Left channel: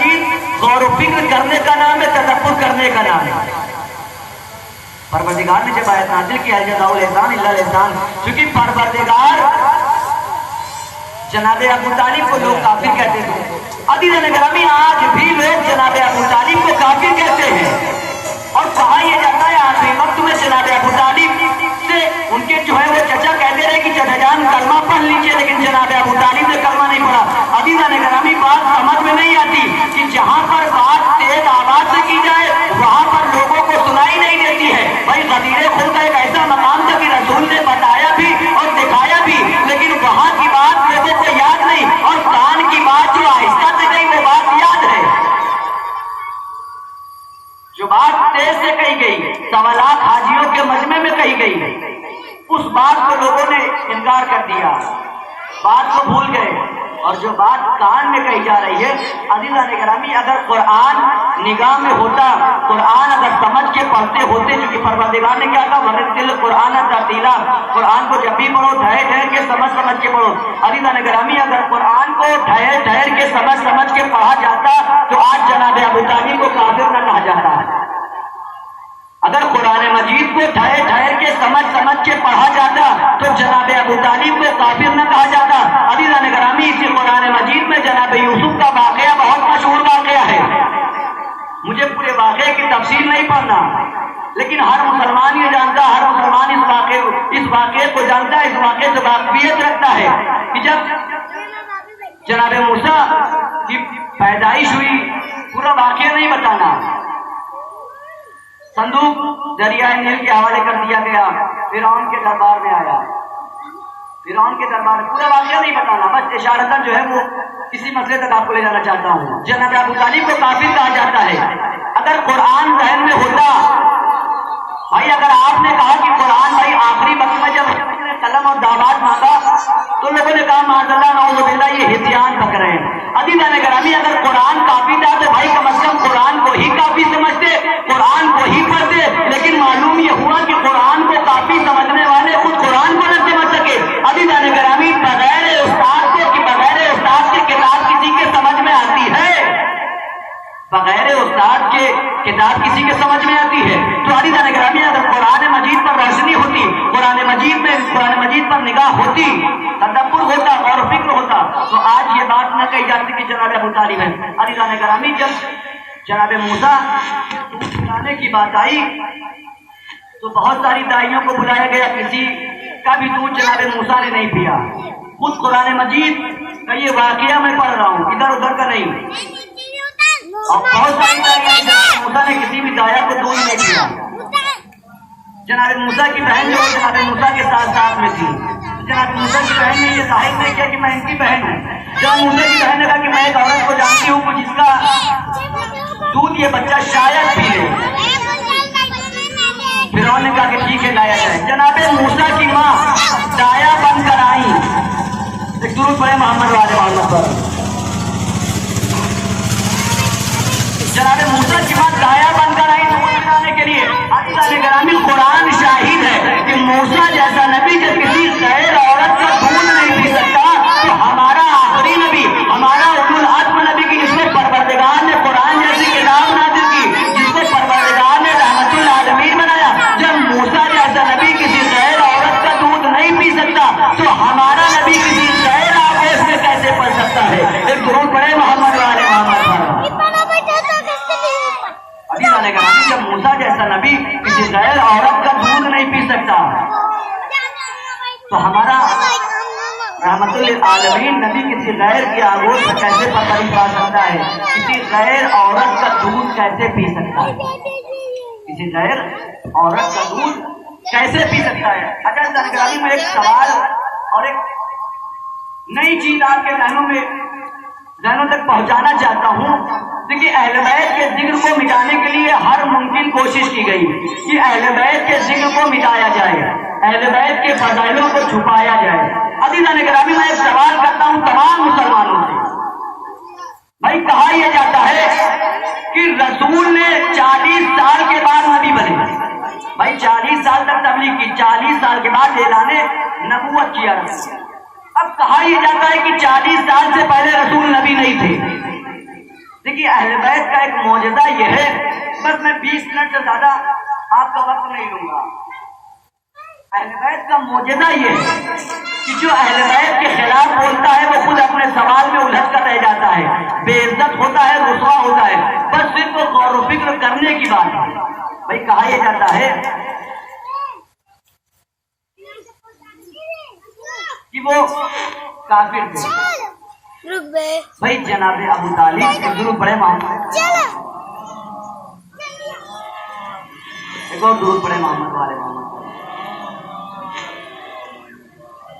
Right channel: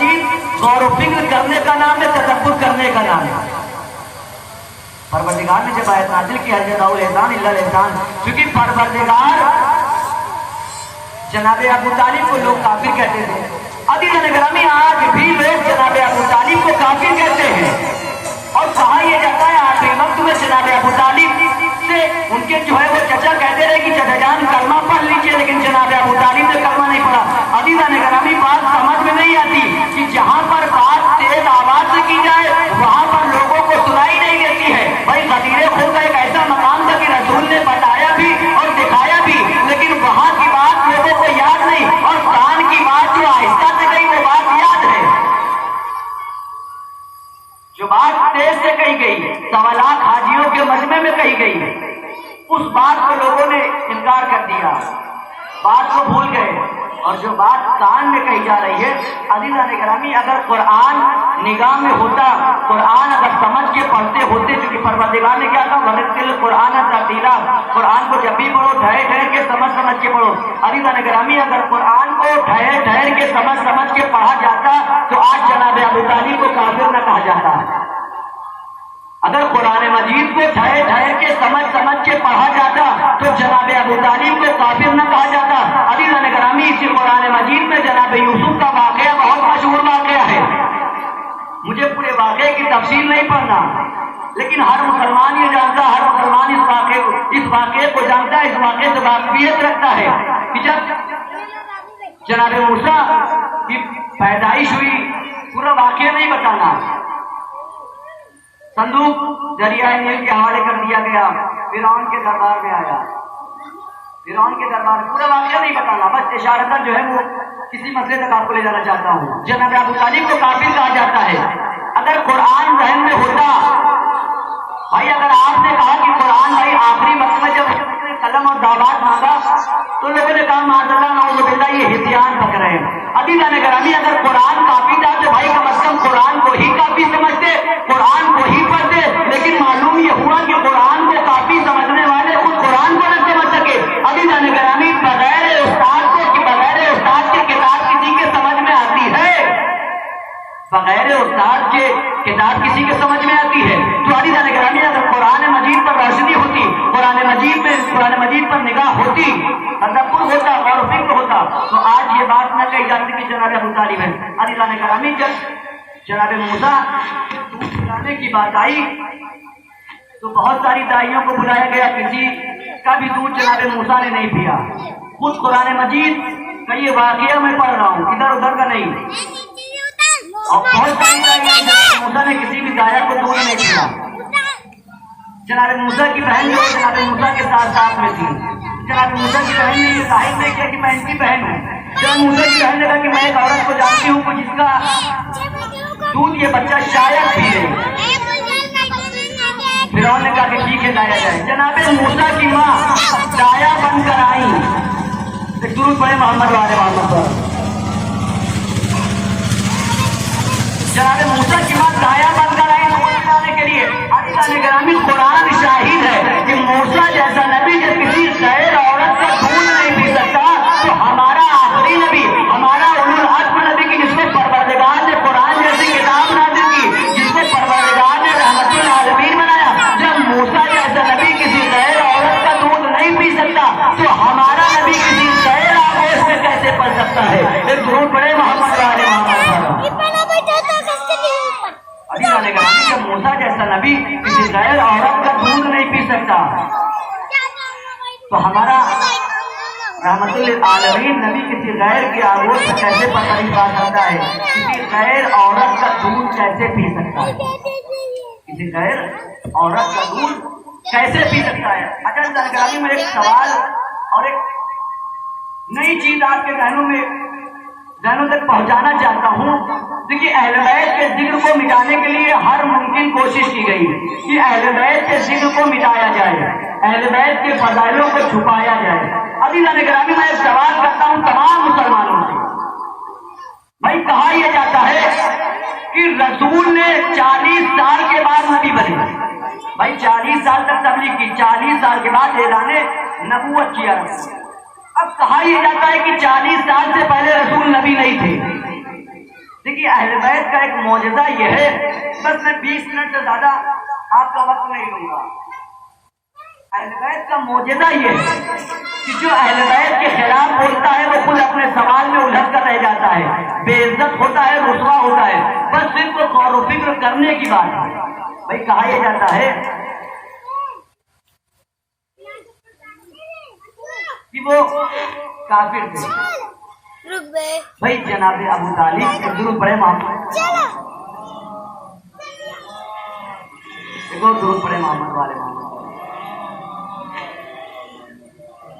مجید غور و فکر کرنے کا نام ہے، تدبر کرنے کا نام ہے۔ پروردگار نے جب آیت نازل کی ہے جزاء الاحسان الا الاحسان، کیونکہ پروردگار جناب ابو طالب کو لوگ کافر کہتے تھے۔ عزیزان گرامی آج بھی لوگ جناب ابو طالب کو کافر کہتے ہیں، اور کہا یہ جاتا ہے آخری وقت میں جناب ابو طالب سے ان کے جو ہے وہ چچا کہتے رہے کہ چچا جان کلمہ پڑھ لیجیے، لیکن جناب ابو طالب نے کلمہ نہیں پڑھا۔ عزیزان گرامی بات سمجھ میں نہیں آتی کہ جہاں پر بات تیز آواز سے کی جائے وہاں پر لوگوں کو سنائی نہیں دیتی ہے۔ بھائی غدیر خود کا ایک ایسا مقام تھا کہ رسول نے بتایا بھی اور دکھایا بھی، لیکن وہاں کی بات لوگوں کو یاد نہیں، اور کان کی بات جو آہستہ سے گئی وہ بات یاد ہے۔ جو بات تیز سے کہی گئی، سوالات حاجیوں کے مجمع میں کہی گئی، اس بات کو لوگوں نے انکار کر دیا، بات کو بھول گئے، اور جو بات کان میں کہی جا رہی ہے عزیزان گرامی اگر قرآن نگاہ میں ہوتا، قرآن اگر سمجھ کے پڑھتے ہوتے، کیونکہ پروردگار نے کیا کہا ورتل قرآن ترتیلا، قرآن کو جب بھی پڑھو ٹھہر کے سمجھ کے پڑھو۔ عزیزان گرامی اگر قرآن کو ٹھہر کے سمجھ کے پڑھا جاتا تو آج جناب ابو طالب کو کافر نہ کہا جاتا۔ اگر قرآن مجید کو ٹھہر کے سمجھ کے پڑھا جاتا تو جناب ابو طالب کو کافر نہ کہا جاتا۔ عزیزان گرامی اسی قرآن مجید میں جناب یوسف کا واقعہ بہت مشہور واقعہ ہے، مجھے پورے واقعے کی تفصیل نہیں پڑھنا، لیکن ہر مسلمان یہ جانتا، ہر مسلمان اس واقعے کو جانتا، اس واقعے سے واقفیت رکھتا ہے کہ جب جناب موسیٰ کی پیدائش ہوئی، پورا واقعہ نہیں بتانا، صندوق دریائے نیل کے حوالے کر دیا گیا، فرعون کے دربار میں آیا، فرعون کے دربار میں پورا واقعہ نہیں بتانا، بس اشارتاً جو ہے وہ کسی مسئلے تک آپ کو لے جانا چاہتا ہوں۔ جناب ابو طالب کو کافر کہا جاتا ہے۔ اگر قرآن ذہن میں ہوتا، بھائی اگر آپ نے کہا کہ قرآن بھائی آخری وقت میں جب قلم اور دعوات مانگا تو لوگوں نے کہا معاذ اللہ نعوذ باللہ یہ ہتھیان پک رہے ہیں۔ عزیزان گرامی اگر قرآن کافی تھا تو بھائی کم از کم قرآن کو ہی کافی سمجھتے، قرآن کو ہی پڑھتے، لیکن معلوم یہ ہوا کہ قرآن کو کافی سمجھنے والے خود قرآن کو نہ سمجھ سکے۔ عزیزان گرامی بغیر استاد کے کتاب کسی کے سمجھ میں آتی ہے، بغیر استاد کے کتاب کسی کے سمجھ میں آتی ہے۔ تو عزیزان گرامی اگر قرآن مجید پر روشنی ہوتی، قرآن مجید پر نگاہ ہوتی، تدبر ہوتا اور فکر ہوتا تو آج یہ بات نہ کہی جاتی کہ جناب ابو طالب ہے۔ عزیزان گرامی جب جناب موسیٰ دودھ پلانے کی بات آئی تو بہت ساری دائیوں کو بلایا گیا، کسی کا بھی دودھ جناب موسیٰ نے نہیں پیا۔ خود قرآن مجید کا یہ واقعہ میں پڑھ رہا ہوں، ادھر ادھر کا نہیں، اور بہت ساری دائیوں موسیٰ نے کسی بھی دائیا کو دودھ نہیں پیا۔ جناب موسیٰ کی بہن جو جناب موسیٰ کے ساتھ میں تھی، جناب موسیٰ کی بہن نے یہ ظاہر نہیں کیا کہ میں ان کی بہن ہوں۔ جناب موسیٰ کی بہن نے کہا کہ میں ایک عورت کو جانتی ہوں جس کا دودھ یہ بچہ شاید پی لے۔ فرعون نے کہا کہ ٹھیک ہے لایا جائے۔ جناب موسیٰ کی ماں دایا بن کر آئی، ایک درود پڑھے محمد وآلہ پر۔ جناب موسیٰ کی ماں دایا بن کر آئی دودھ پلانے کے لیے۔ عزیزان گرامی قرآن شاہد ہے کہ موسیٰ جیسا نبی جب کسی غیر عورت کا دودھ نہیں پی سکتا تو ہمارا آخری نبی، ہمارا اولو العزم نبی کی جس کو پروردگار نے قرآن جیسی کتاب نازل کی، جس کو پروردگار نے رحمت للعالمین بنایا، جب موسیٰ جیسا نبی کسی غیر عورت کا دودھ نہیں پی سکتا تو ہمارا نبی کسی غیر آغوش میں کیسے پڑھ سکتا ہے؟ ایک درود پڑھے محمد وآلہ محمد۔ جب موسیٰ جیسا نبی کسی غیر عورت کا دودھ نہیں پی سکتا تو ہمارا رحمت للعالمین نبی کسی غیر کے آغوش سے کیسے پتہ پا سکتا ہے؟ کسی غیر عورت کا دودھ کیسے پی سکتا ہے؟ کسی غیر عورت کا دودھ کیسے پی سکتا ہے؟ اچھا جانکاری میں ایک سوال اور ایک نئی چیز آپ کے ذہنوں تک پہنچانا چاہتا ہوں۔ دیکھیے اہل بیت کے ذکر کو مٹانے کے لیے ہر ممکن کوشش کی گئی کہ اہل بیت کے ذکر کو مٹایا جائے، اہل بیت کے فضائلوں کو چھپایا جائے۔ عزیزان گرامی میں ایک سوال کرتا ہوں تمام مسلمانوں سے، بھائی کہا یہ جاتا ہے کہ رسول نے 40 سال کے بعد نبی بنے، بھائی 40 سال تک تبلیغ کی، 40 سال کے بعد اعلان نبوت کیا۔ اب کہا یہ جاتا ہے کہ 40 سال سے پہلے رسول نبی نہیں تھے۔ دیکھیے کہ اہل بیت کا ایک معجزہ یہ ہے، بس میں 20 منٹ سے زیادہ آپ کا وقت نہیں لوں گا۔ اہل بیت کا معجزہ یہ ہے کہ جو اہل بیت کے خلاف بولتا ہے وہ خود اپنے سوال میں الجھ کر رہ جاتا ہے، بے عزت ہوتا ہے، رسوا ہوتا ہے۔ بس صرف غور و فکر کرنے کی بات ہے۔ بھائی کہا یہ جاتا ہے کہ وہ کافر تھے۔ بھائی جناب ابو طالب درود پڑھے محمد، درود پڑھے محمد والے محمد۔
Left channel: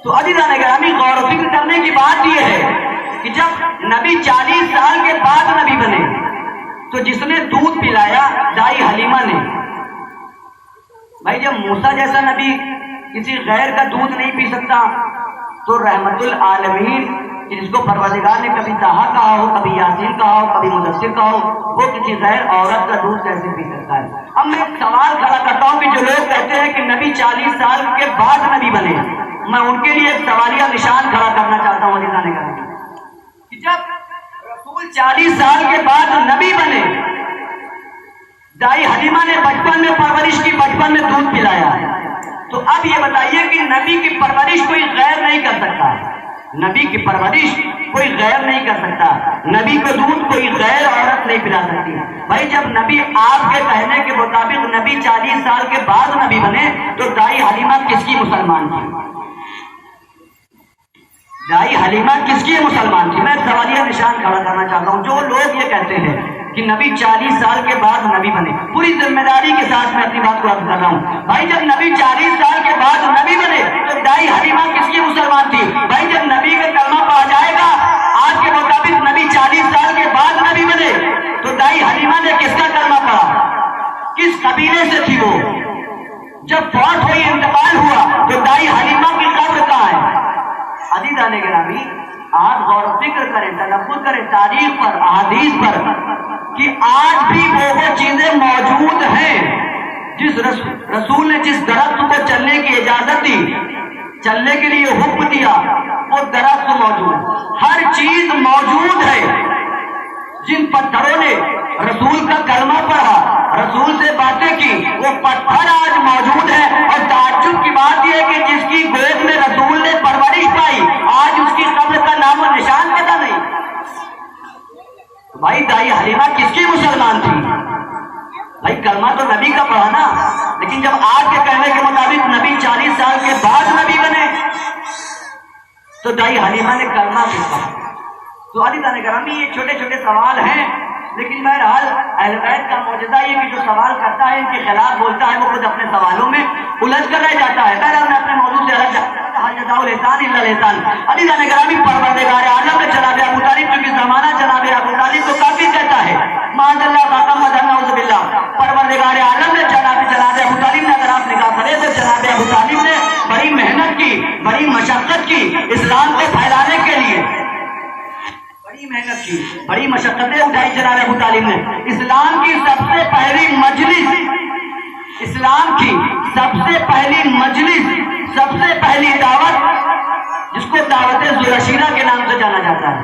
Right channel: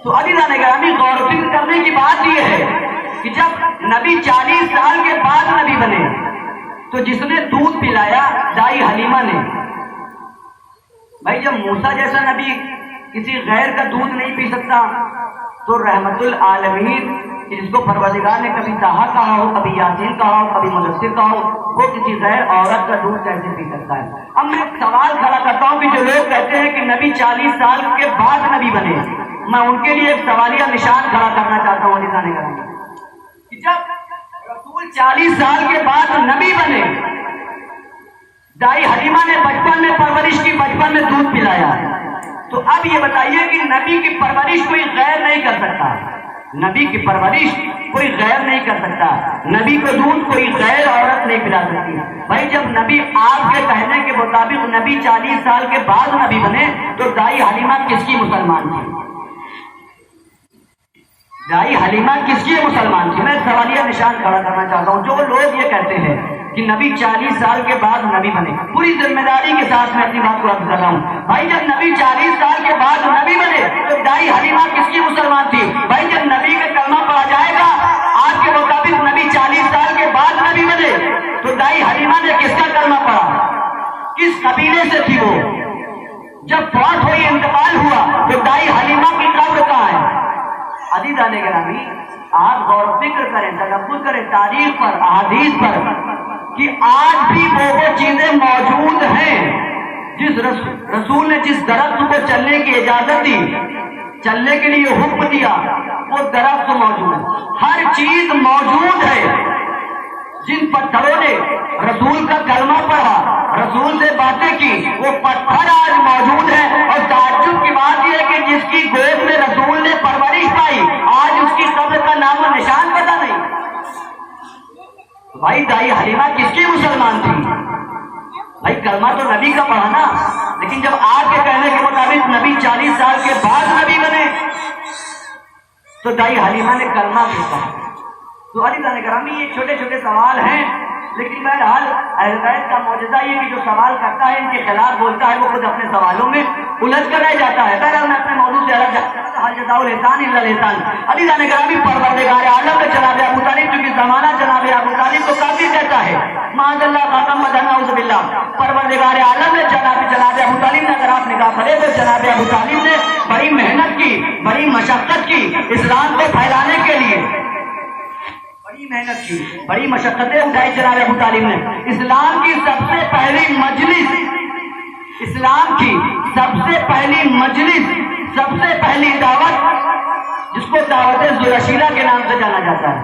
تو عزیزان گرامی غور و فکر کرنے کی بات یہ ہے کہ جب نبی 40 سال کے بعد نبی بنے تو جس نے دودھ پلایا دائی حلیمہ نے۔ بھائی جب موسیٰ جیسا نبی کسی غیر کا دودھ نہیں پی سکتا تو رحمت العالمین جس کو پروردگار نے کبھی طٰہٰ کہا ہو، کبھی یاسین کہا ہو، کبھی مدثر کہا ہو، وہ کسی غیر عورت کا دودھ کیسے پی سکتا ہے؟ اب میں سوال کھڑا کرتا ہوں کہ جو لوگ کہتے ہیں کہ نبی 40 سال کے بعد نبی بنے، میں ان کے لیے ایک سوالیہ نشان کھڑا کرنا چاہتا ہوں عزیزان گرامی کہ جب رسول 40 سال کے بعد نبی بنے، دائی حلیمہ نے بچپن میں پرورش کی، بچپن میں دودھ پلایا، تو اب یہ بتائیے کہ نبی کی پرورش کوئی غیر نہیں کر سکتا، نبی کی پرورش کوئی غیر نہیں کر سکتا، نبی کو دودھ کوئی غیر عورت نہیں پلا سکتی۔ بھائی جب نبی آپ کے کہنے کے مطابق نبی 40 سال کے بعد نبی بنے تو دائی حلیمہ کس کی مسلمان تھی؟ دائی حلیمہ کس کی مسلمان تھی؟ میں سوالیہ نشان کھڑا کرنا چاہتا ہوں۔ جو لوگ یہ کہتے ہیں کہ نبی 40 سال کے بعد نبی بنے، پوری ذمہ داری کے ساتھ میں اپنی بات کو عرض کر رہا ہوں، بھائی جب نبی 40 سال کے بعد نبی بنے تو دائی حلیمہ کس کی مسلمان تھی؟ بھائی جب نبی کا کلمہ پڑھا جائے گا آپ کے مطابق نبی 40 سال کے بعد نبی بنے تو دائی حلیمہ نے کس کا کلمہ پڑھا؟ کس قبیلے سے تھی وہ؟ جب فوت ہوئی، انتقال ہوا تو دائی حلیمہ کی قبر کہاں ہے؟ عزیزان گرامی آپ غور و فکر کریں، تدبر کریں تاریخ پر، احادیث پر، کہ آج بھی وہ چیزیں موجود ہیں جس رسول نے جس درخت کو چلنے کی اجازت دی، چلنے کے لیے حکم دیا، وہ درخت موجود، ہر چیز موجود ہے۔ جن پتھروں نے رسول کا کلمہ پڑھا، رسول سے باتیں کی، وہ پتھر آج موجود ہے۔ اور تعجب کی بات یہ ہے کہ جس کی گود میں رسول نے پرورش پائی آج اس کی قبر کا نام و نشان پتہ نہیں۔ بھائی دائی حلیمہ کس کی مسلمان تھی؟ بھائی کلمہ تو نبی کا پڑھا نا، لیکن جب آپ کے کہنے کے مطابق نبی 40 سال کے بعد نبی بنے تو دائی حلیمہ نے کلمہ بھی پڑھا۔ تو عزیزان گرامی یہ چھوٹے چھوٹے سوال ہیں، لیکن بہرحال اہل بیت کا معجزہ یہ کہ جو سوال کرتا ہے ان کے خلاف بولتا ہے وہ خود اپنے سوالوں میں الجھ کر رہ جاتا ہے۔ بہرحال میں اپنے موضوع سے الگ عزیزان گرامی پروردگار عالم جناب ابو طالب، کیونکہ زمانہ جناب ابو طالب کو کافر کہتا ہے، معاذ اللہ خاتم نعوذ باللہ، پروردگار عالم نے جناب ابو طالب نے اگر آپ نگاہ کرے تو جناب ابو طالب نے بڑی محنت کی، بڑی مشقت کی اسلام کو پھیلانے کے لیے، بڑی محنت کی، بڑی مشقتیں اٹھائی جناب ابو طالب نے۔ اسلام کی سب سے پہلی مجلس، اسلام کی سب سے پہلی مجلس، سب سے پہلی دعوت جس کو دعوت ذوالعشیرہ کے نام سے جانا جاتا ہے،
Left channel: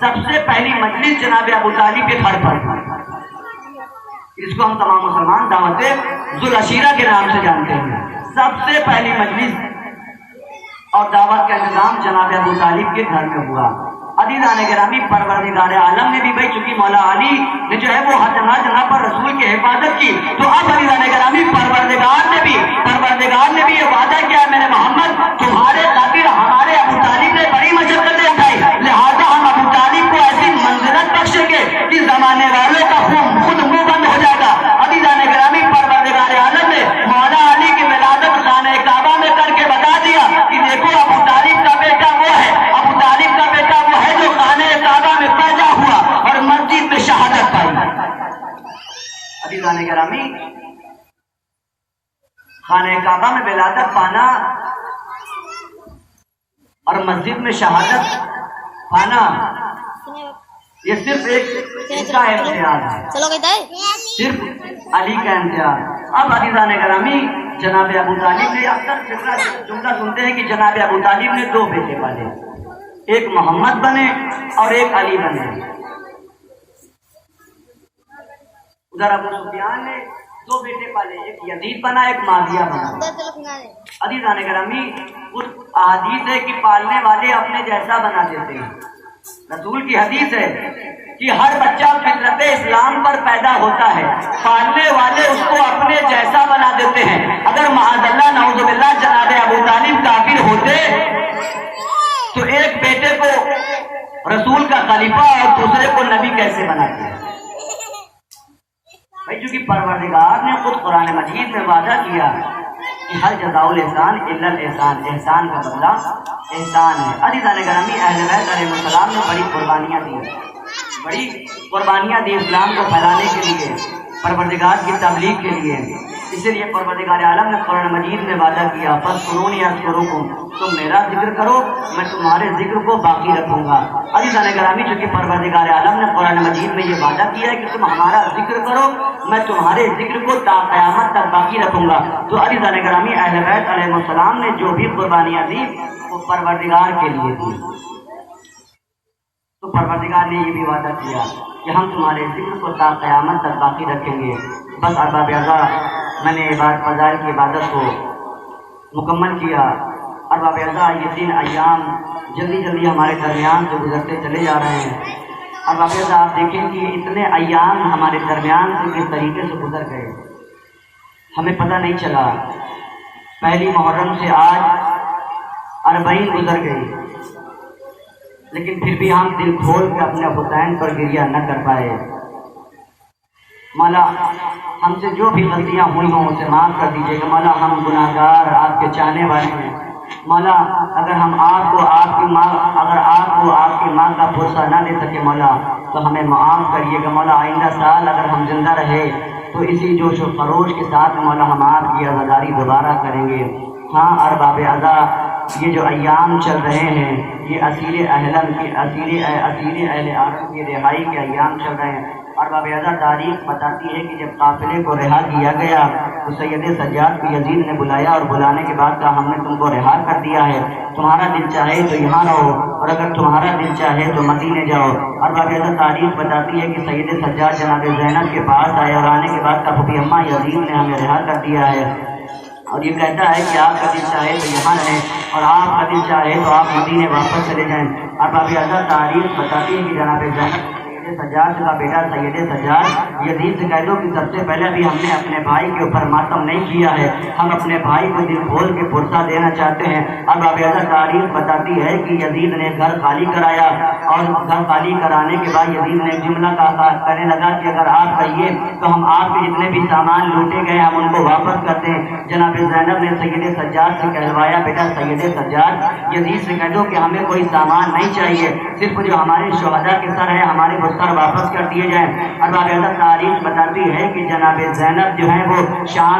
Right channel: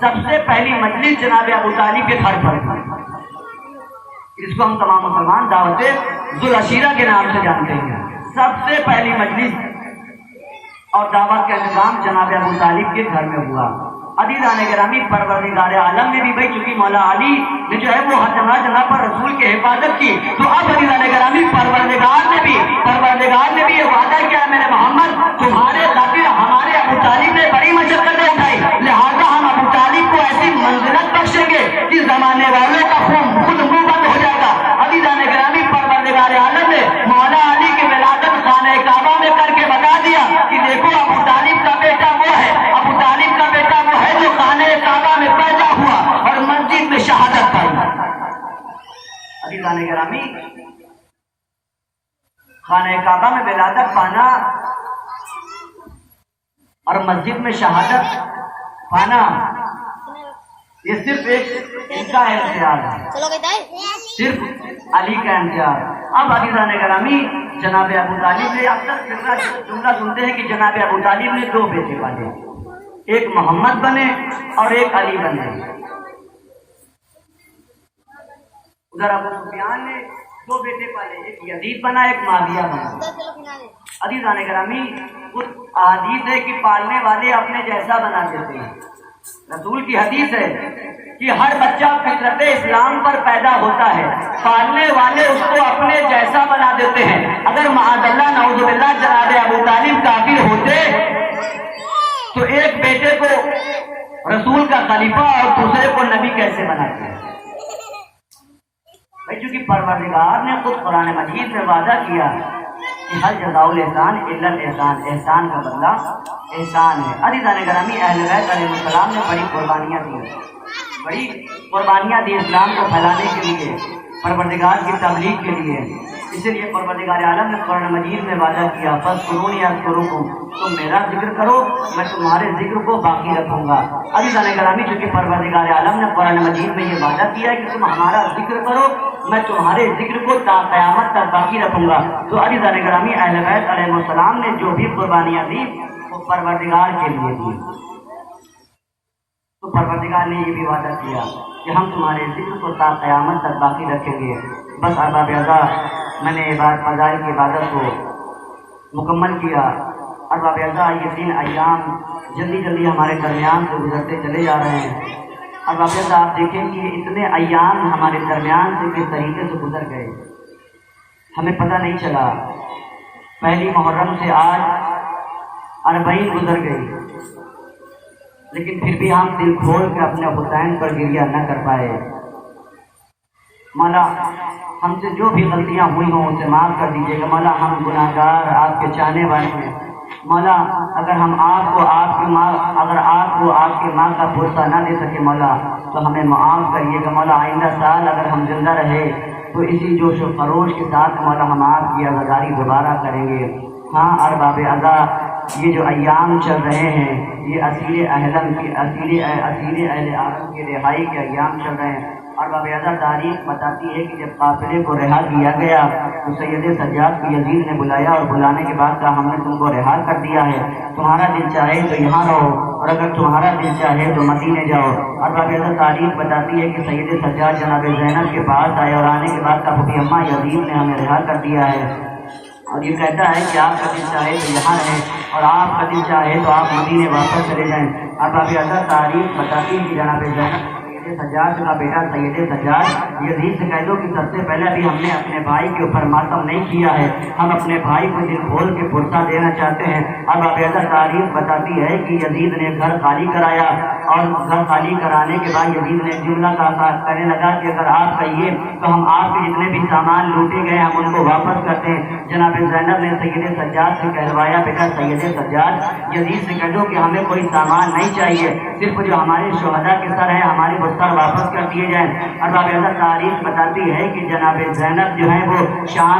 سب سے پہلی مجلس جناب ابو طالب کے گھر پر، اس کو ہم تمام مسلمان دعوت ذوالعشیرہ کے نام سے جانتے ہیں۔ سب سے پہلی مجلس اور دعوت کا انتظام جناب ابو طالب کے گھر میں ہوا۔ عزیزان گرامی پروردگار عالم نے بھی بھائی چونکہ مولا علی نے جو ہے وہ ہر جگہ پر رسول کی حفاظت کی، تو اب عزیزان گرامی پروردگار نے بھی یہ وعدہ کیا ہے، میرے محمد تمہارے خاطر ہمارے ابو طالب نے بڑی مشقتیں اٹھائی، لہٰذا ہم ابو طالب کو ایسی منزلت بخشیں گے کہ زمانے والوں کا خود منہ بند ہو جائے گا۔ عزیزان گرامی پروردگار عالم نے مولا علی کی ولادت خانہ کعبہ میں کر کے بتا دیا کہ دیکھو ابو طالب کا بیٹا وہ ہے، ابو طالب کا بیٹا وہ ہے جو خانہ کعبہ میں پیدا ہوا اور مسجد میں شہادت پائی۔ عزیزان گرامی خانہ کعبہ میں ولادت پانا اور مسجد میں شہادت پانا یہ صرف ایک ان کا امتیاز ہے، صرف علی کا امتیاز۔ اب عزیزان گرامی جناب ابو طالب نے اکثر جملہ سنتے ہیں کہ جناب ابو طالب نے دو بیٹے پالے، ایک محمد بنے اور ایک علی بنے۔ ادھر ابو سفیان نے 2 بیٹے پالے، ایک یزید بنا، ایک معاویہ بنا۔ عزیزان گرامی، اس حدیث ہے کہ پالنے والے اپنے جیسا بنا دیتے ہیں۔ رسول کی حدیث ہے کہ ہر بچہ فطرت اسلام پر پیدا ہوتا ہے، پالنے والے اس کو اپنے جیسا بنا دیتے ہیں۔ اگر معاذ اللہ نعوذ باللہ جناب ابو طالب کافر ہوتے تو ایک بیٹے کو رسول کا خلیفہ اور دوسرے کو نبی کیسے بناتے ہیں؟ بھائی چونکہ پروردگار نے خود قرآن مجید میں وعدہ کیا کہ ہر جزاء الاحسان الا الاحسان، احسان کا بدلہ احسان ہے۔ عزیزان گرامی، اہل بیت علیہ السلام نے بڑی قربانیاں دی اسلام کو پھیلانے کے لیے، پروردگار کی تبلیغ کے لیے۔ اسی لیے پروردگار عالم نے قرآن مجید میں وعدہ کیا، فاذکرونی اذکرکم، تم میرا ذکر کرو میں تمہارے ذکر کو باقی رکھوں گا۔ عزیزان گرامی، چونکہ پروردگار عالم نے قرآن مجید میں یہ وعدہ کیا ہے کہ تم ہمارا ذکر کرو میں تمہارے ذکر کو تا قیامت تک باقی رکھوں گا۔ تو عزیزان گرامی، اہل بیت علیہ السلام نے جو بھی قربانیاں دی وہ پروردگار کے لیے دی، تو پروردگار نے یہ بھی وعدہ کیا کہ ہم تمہارے ذکر کو تا قیامت تک باقی رکھیں گے۔ بس ارباب اعضاء، میں نے فضائل کی عبادت کو مکمل کیا۔ ارباب اعضاء، یہ 3 ایام جلدی جلدی ہمارے درمیان سے گزرتے چلے جا رہے ہیں۔ ارباب اعضاء، آپ دیکھیں کہ اتنے ایام ہمارے درمیان سے کس طریقے سے گزر گئے، ہمیں پتہ نہیں چلا۔ پہلی محرم سے آج 40 گزر گئی، لیکن پھر بھی ہم دل کھول کے اپنے حسین پر گریہ نہ کر پائے۔ مولا، ہم سے جو بھی غلطیاں ہوئی ہوں اسے معاف کر دیجیے گا۔ مولا، ہم گناہ گار آپ کے چاہنے والے ہیں۔ مولا، اگر ہم آپ کو آپ کے مال کا پرسہ نہ دے سکے مولا تو ہمیں معاف کریے گا۔ مولا، آئندہ سال اگر ہم زندہ رہے تو اسی جوش و خروش کے ساتھ مولا ہم آپ کی عزاداری دوبارہ کریں گے۔ ہاں ارباب اعضاء، یہ جو ایام چل رہے ہیں یہ اسیر اہل عالم کی رہائی کے ایام چل رہے ہیں۔ ارباب اعضاء، تاریخ بتاتی ہے کہ جب قافلے کو رہا کیا گیا تو سید سجاد کو یزید نے بلایا اور بلانے کے بعد کہا ہم نے تم کو رہا کر دیا ہے، تمہارا دل چاہے تو یہاں رہو اور اگر تمہارا دل چاہے تو مدینے جاؤ۔ ارباب اعضاء، تاریخ بتاتی ہے کہ سید سجاد جناب زینب کے پاس آئے اور آنے کے بعد کہا کہ اماں یزید نے ہمیں رہا کر دیا ہے اور یہ کہتا ہے کہ آپ کا دل چاہے تو یہاں رہیں اور آپ کا دل چاہے تو آپ مدینے واپس چلے جائیں۔ ارباب اعضاء، تاریخ بتاتی ہے کہ جناب زینب سجاد کا بیٹا سید سجاد یزید سے کہہ دو کہ سب سے پہلے ابھی ہم نے اپنے بھائی کے اوپر ماتم نہیں کیا ہے، ہم اپنے بھائی کو دل کھول کے پرسہ دینا چاہتے ہیں۔ اب اعضاء، تاریخ بتاتی ہے کہ یزید نے گھر خالی کرایا اور گھر خالی کرانے کے بعد یزید نے جملہ کرنے لگا کہ اگر آپ کہیے تو ہم آپ کے جتنے بھی سامان لوٹے گئے ہم ان کو واپس کرتے ہیں۔ جناب زینب نے سید سجاد سے کہلوایا، بیٹا سید سجاد یزید سے کہہ دو کہ ہمیں کوئی سامان نہیں چاہیے، صرف جو ہمارے شہداء کے سر ہے ہمارے وہ سر واپس کر دیے جائیں۔ ارباب اعضاء، تاریخ بتاتی ہے کہ جناب زینب جو ہے وہ شام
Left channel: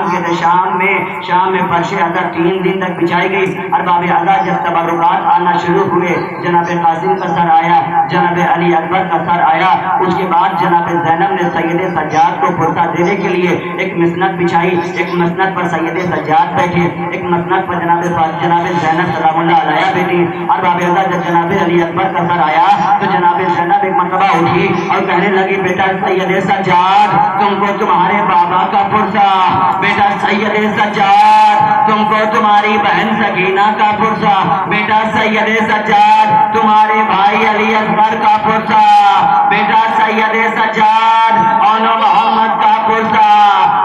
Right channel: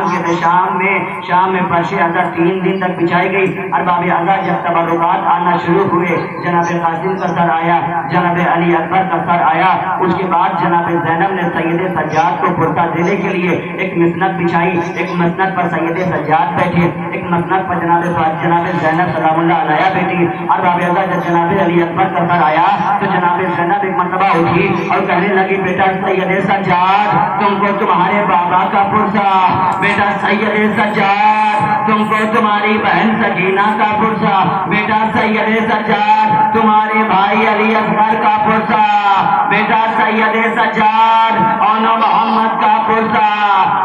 میں فرش ازر 3 دن تک بچھائی گئی۔ ارباب اعضاء، جب تبرکات آنا شروع ہوئے، جناب قاسم کا سر آیا، جناب علی اکبر کا سر آیا، اس کے بعد جناب زینب نے سید سجاد کو پرسہ دینے کے لیے ایک مسند بچھائی، ایک مسند پر سید سجاد بیٹھے، ایک مسند پر جناب زینب سلام اللہ علیہ بیٹھی۔ ارباب اعضاء، جب جناب علی اکبر کا سر آیا تو جناب زینب ایک مرتبہ اٹھی اور کہنے لگی، بیٹا سید سجاد تم کو تمہارے بابا کا پرسہ، بیٹا سید سجاد تم کو تمہاری بہن سکینہ کا پرسہ، بیٹا سید سجاد تمہارے بھائی علی اکبر کا پرسہ، بیٹا سید سجاد اون محمد کا پرسہ،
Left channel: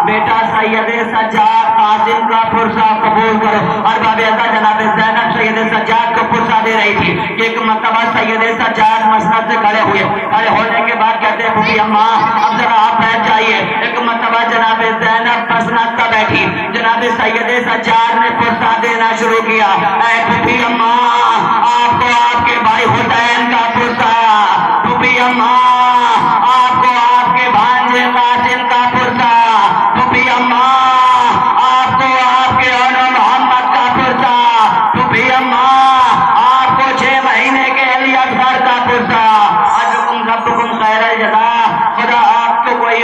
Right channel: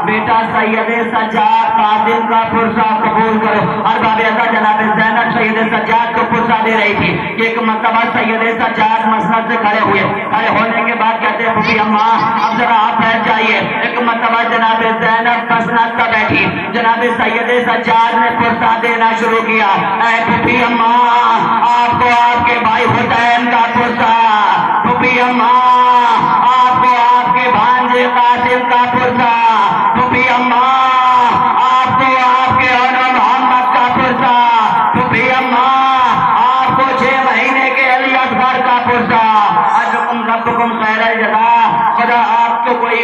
بیٹا سید سجاد قاسم کا پرسہ قبول کرو۔ ارباب اعضاء، جناب زینب سید سجاد کو پرسہ دے رہی تھی۔ ایک مرتبہ سید سجاد مسند سے کھڑے ہوئے، کھڑے ہونے کے بعد کہتے ہیں پھوپھی اماں اب ذرا آپ بیٹھ جائیے۔ ایک مرتبہ جناب زینب مسند پر بیٹھی، جناب سید سجاد نے پرسہ دینا شروع کیا، اے پھوپھی اماں آپ کو آپ کے بھائی حسین کا پرسہ، پھوپھی اماں آپ کو آپ کے بھانجے قاسم کا پرسہ، پھوپھی اماں آپ کو آپ کے اون محمد کا پرسہ، پھوپھی اماں آپ کو 6 مہینے کے علی اکبر کا پرسہ۔ ربکم خیر الجزا، خدا آپ کو کوئی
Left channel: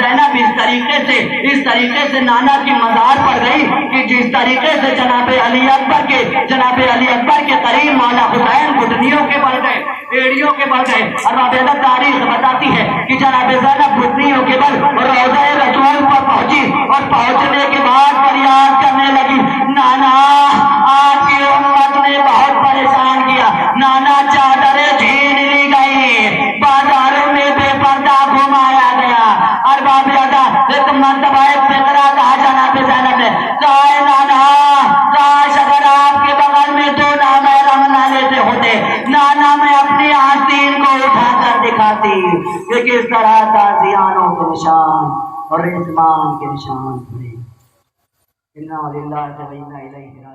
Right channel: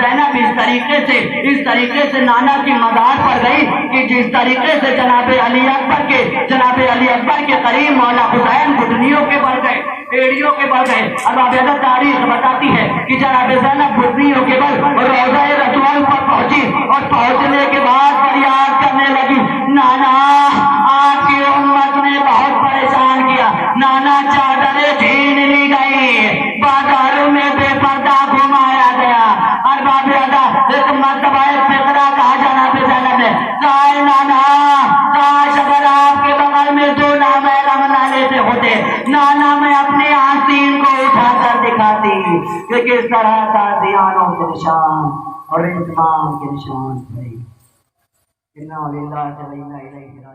زینب اس طریقے سے نانا کی مزار پر گئی کہ جس طریقے سے جناب علی اکبر کے قریب مولا حسین گھٹنیوں کے بل گئے، ایڑیوں کے بل گئے. اور رابطہ تاریخ بتاتی ہے کہ جناب زینب گھٹنیوں کے بل روضہ رسول پر پہنچی اور پہنچنے کے بعد فریاد کرنے لگی، نانا آپ کی امت نے بہت پریشان کیا، نانا چادریں چھین لی گئی، بازاروں میں بے پردہ گھمایا گیا. اور بابیادہ ایک مرتبہ ایک فکرہ کہا جناب زینب نے، کہا نانا کاش اگر آپ کے بغل میں دو نامحرم نہ لیتے ہوتے، نانا میں اپنی آستین کو اٹھا کر دکھاتی کہ کس طرح تازیانوں کے نشان اور اتمام کے نشان تھے. انا للہ و انا الیہ راجعون.